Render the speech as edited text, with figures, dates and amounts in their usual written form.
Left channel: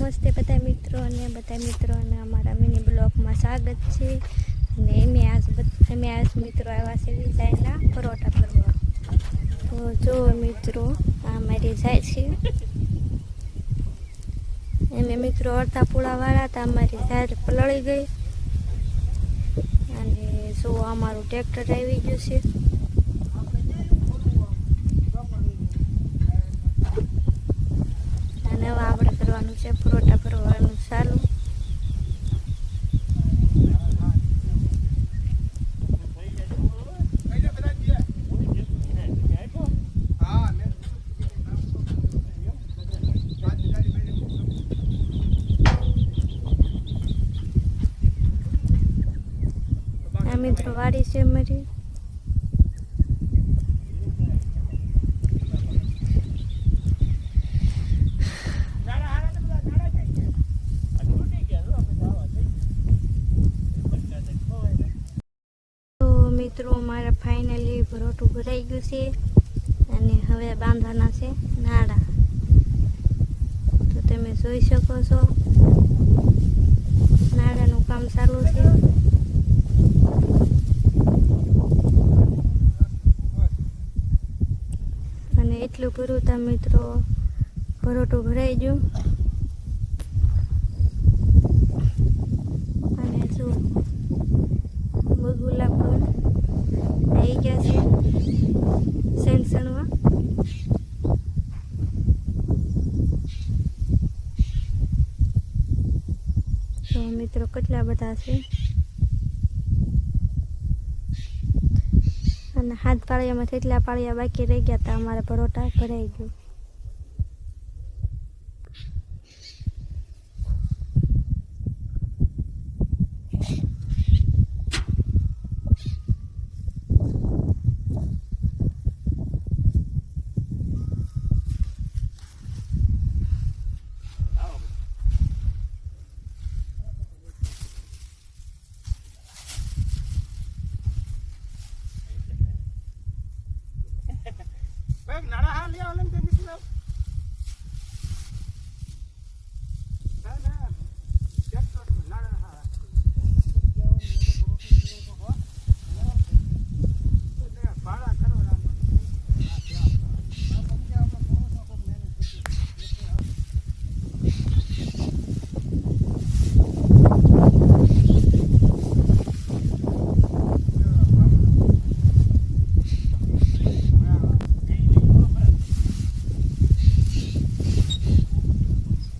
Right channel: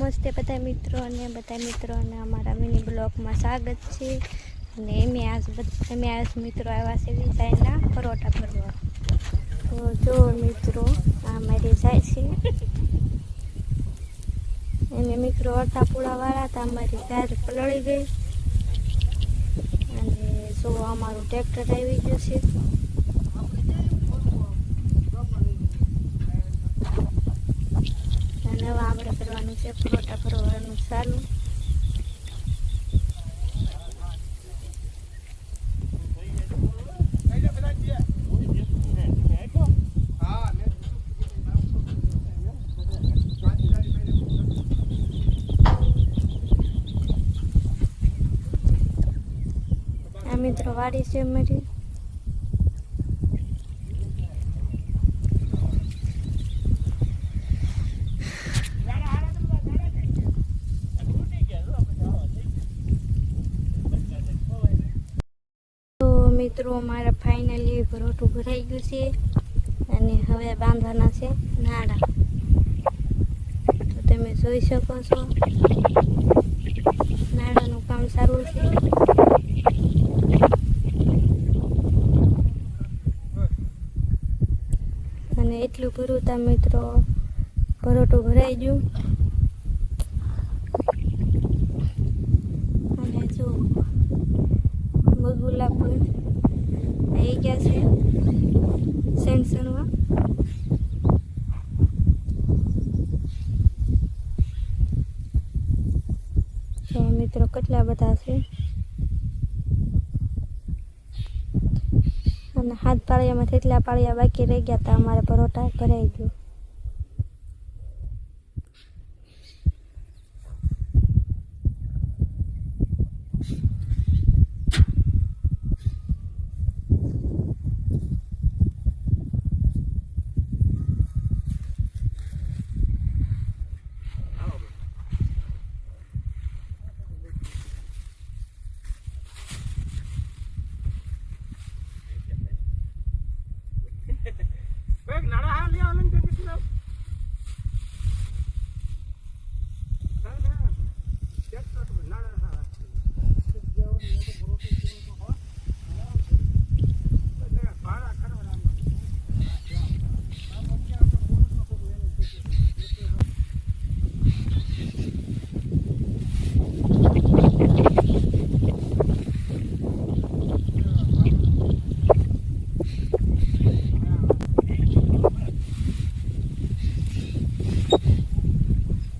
નમસ્તે બધા મિત્રોને અમારા મિની બ્લોગમાં સ્વાગત છે। અને અમે આજ મિત્રો આવ્યા છે વિજાયના પરોઠા ભરવા। તો જો મિત્રો આ મારી જાય છે અમે મિત્રો અડધા પૂળાવાળા હતા, અમારી ઝાડ પલળી ગઈ અને જો અમારું ટ્રેક્ટર આવી ગયું છે। અને હવે આપણે કરવાનું છે પરોઠા ભરવાનું ચાલુ। આ મિત્રો વાડી છે અમારી। મિત્રો મારા ફાઇનલી પરોઠું ભરાઈ ગયું છે અને હવે બાંધવાના છે નાડા। તો તમે જોઈ શકો છો નાડાનું કામ ચાલુ છે। અને એટલું પૂરું તા મિત્રો પરોઠું ભરાઈ ગયું। અને જો બગુલા પણ આવી ગયા છે સેન્સણમાં। તો મિત્રો કેટલા બધા છે અને હાથ પાળિયામાં કેટલા પાળિયા બાકી રહી ગયા હતા, અમારા પરોઠા ભરાઈ ગયું।